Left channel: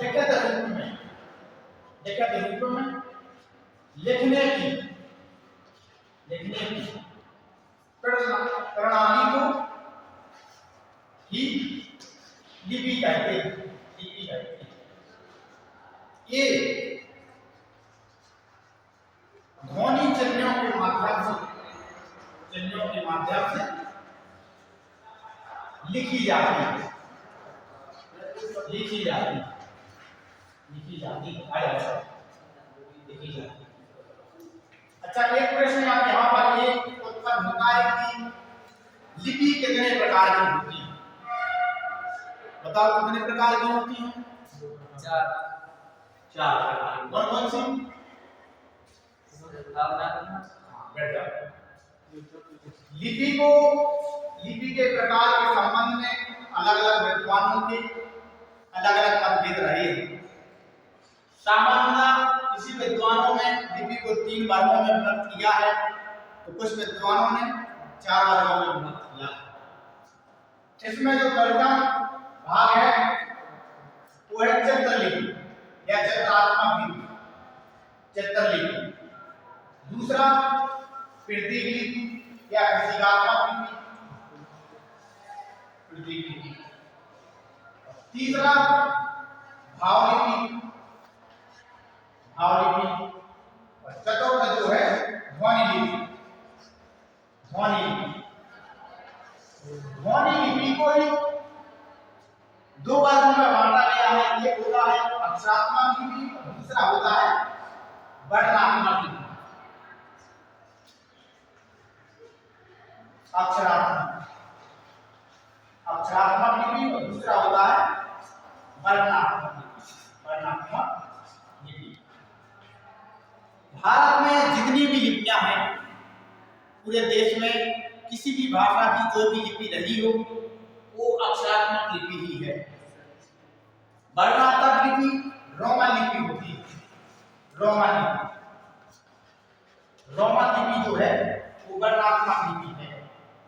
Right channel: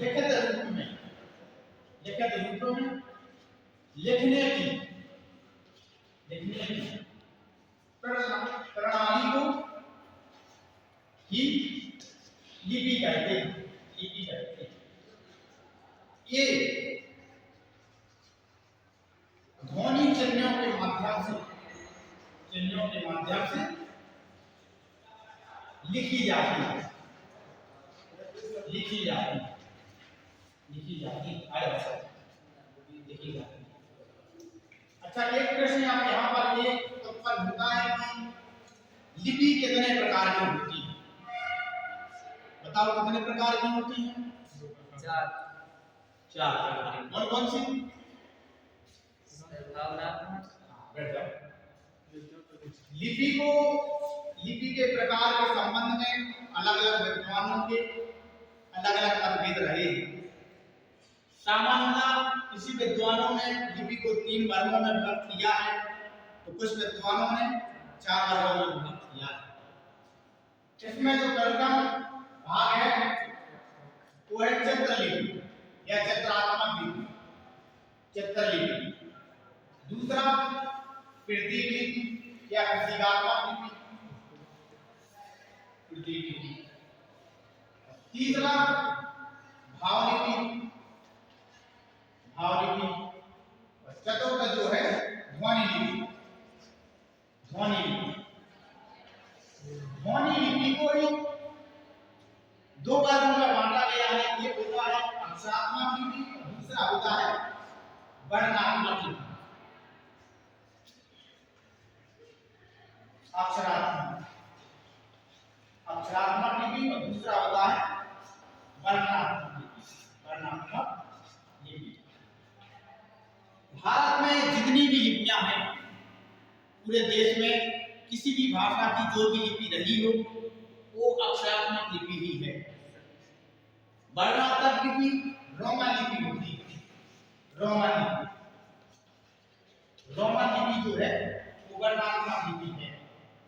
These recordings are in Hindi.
लिखित रूप में, लिखित रूप में लिखने की प्रणाली को ही लिपि कहते हैं, लिपि कहते हैं। ये ध्वनि चिन्हों के माध्यम से लिखी जाती है, लिखी जाती है, लिखी जाती है। अच्छा, एक प्रश्न आप यहाँ पर ये उत्पन्न होता है कि लिपि कितने प्रकार की होती है? बताओ कितने प्रकार की होती है? चार प्रकार। कौन कौन सी? लिपि के प्रकार के संबंध में अलग अलग विद्वानों के अलग अलग मतभेद रहे हैं। सामान्य किसी विद्वानों ने लिपि को 3 वर्गों में विभक्त किया है, तो कुछ विद्वानों ने 4 वर्गों में विभक्त किया है। इसमें जो पहला भाग है वो है चित्रलिपि या चित्रात्मक लिपि, चित्रलिपि। दूसरा प्रतीक लिपि या प्रतीकात्मक लिपि, प्रतीक लिपि। तीसरा भावलिपि, भावलिपि। और चतुर्थ जो है ध्वनि लिपि, ध्वनि लिपि। ध्वनि लिपि को ही 2 वर्गों में बांटा गया है। एक होता है अक्षरात्मक लिपि और दूसरा होता है वर्णात्मक लिपि। अक्षरात्मक लिपि और दूसरा होता है वर्णात्मक लिपि, वर्णात्मक लिपि। भारत में जितनी भी लिपियां हैं, पूरे देश में किसी भी भाषा की जो भी लिपि रही हो वो अक्षरात्मक लिपि ही है। वर्णात्मक लिपि रोमन लिपि होती है, रोमन लिपि। रोमन लिपि जो है वो वर्णात्मक लिपि है,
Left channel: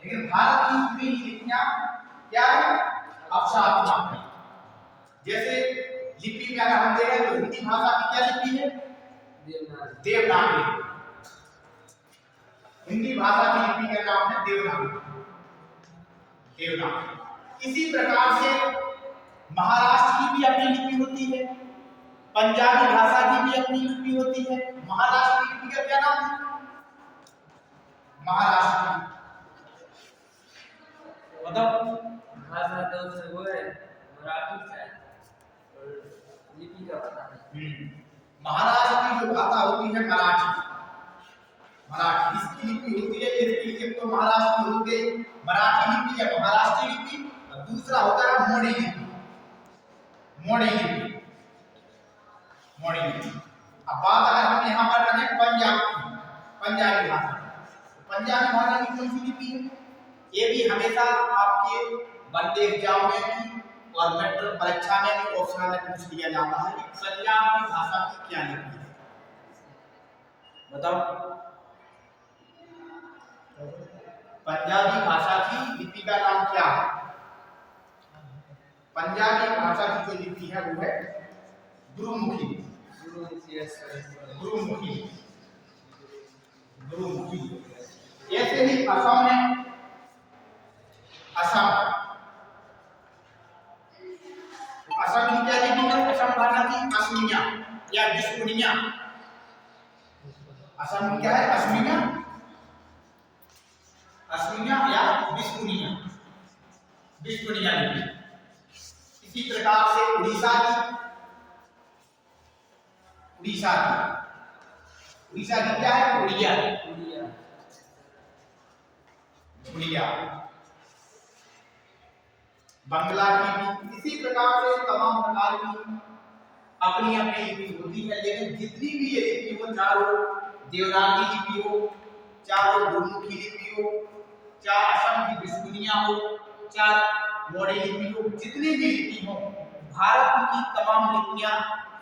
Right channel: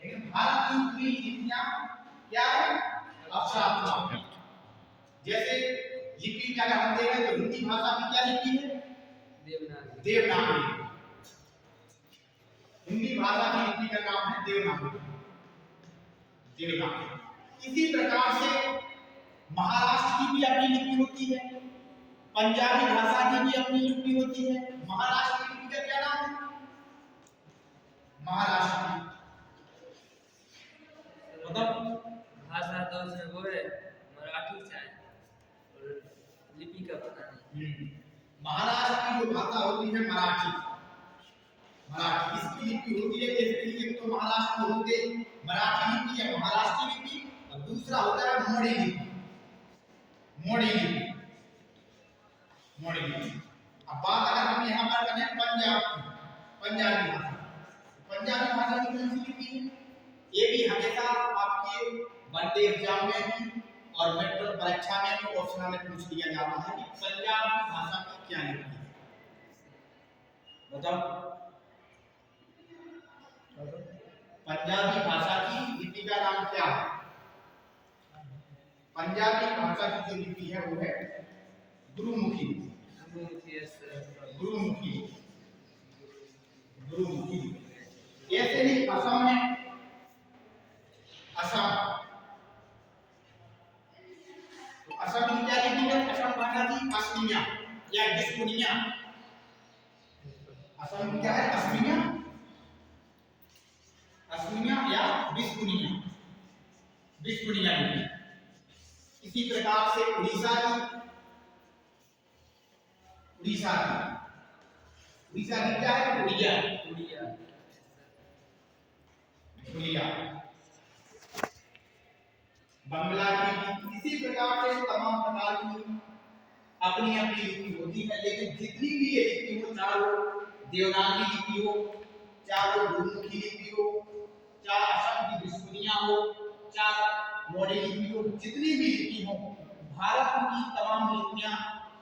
लेकिन भारत की पूरी लिपियां क्या है? अक्षरात्मक है। जैसे लिपि में अगर हम देखें तो हिंदी भाषा की क्या लिपि है? देवनागरी। हिंदी भाषा की लिपि का नाम है देवनागरी, देवनागरी। इसी प्रकार से महाराष्ट्र की भी अपनी लिपि होती है, पंजाबी भाषा की भी अपनी लिपि होती है। महाराष्ट्र की लिपि का क्या नाम है? महाराष्ट्र की मतलब भाषा तो से वो है मराठी से और लिपि का पता नहीं। महाराष्ट्र की जो भाषा होती है मराठी, मराठी इसकी लिपि होती है। एक तो महाराष्ट्र की होती है मराठी लिपि या महाराष्ट्री लिपि, और दूसरा होता है मोड़ी लिपि, मोड़ी लिपि, मोड़ी लिपि। अब बात अगर हम यहाँ पर करें पंजाब की, पंजाबी भाषा, पंजाबी भाषा की कौन सी लिपि है? ये भी हमेशा आपके वनडे एग्जाम में भी और मेट्रिक परीक्षा में भी ऑप्शनल में पूछ लिया जाता है कि पंजाब की भाषा की क्या लिपि है। बताओ पंजाबी भाषा की लिपि का नाम क्या है? पंजाबी भाषा की जो लिपि है वो है गुरुमुखी, गुरुमुखी, गुरुमुखी। ऐसे ही असम में, असम की क्या लिपि है? असम भाषा की असमिया या बिस्कुनिया। असम की क्या है? असमिया, असमिया या बिस्कुनिया, बिस्कुनिया लिपि। इसी प्रकार से उड़ीसा की, उड़ीसा की, उड़ीसा की क्या है? उड़िया, उड़िया। बंगला की भी इसी प्रकार से तमाम प्रकार की अपनी अपनी लिपि होती है। लेकिन जितनी भी ये लिपि हो, चारों देवनागरी लिपि हो, चारों गुरुमुखी लिपि हो, चार असम की बिस्कुनिया हो, चार मोड़ी लिपि हो, जितनी भी लिपि हो, भारत की तमाम लिपियां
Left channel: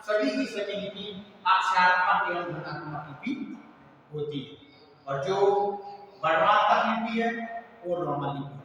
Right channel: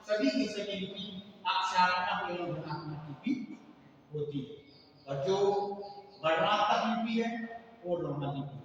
सभी की सभी लिपि अक्षरात्मक एवं वर्णात्मक लिपि होती है। और जो वर्णात्मक लिपि है वो रोमन लिपि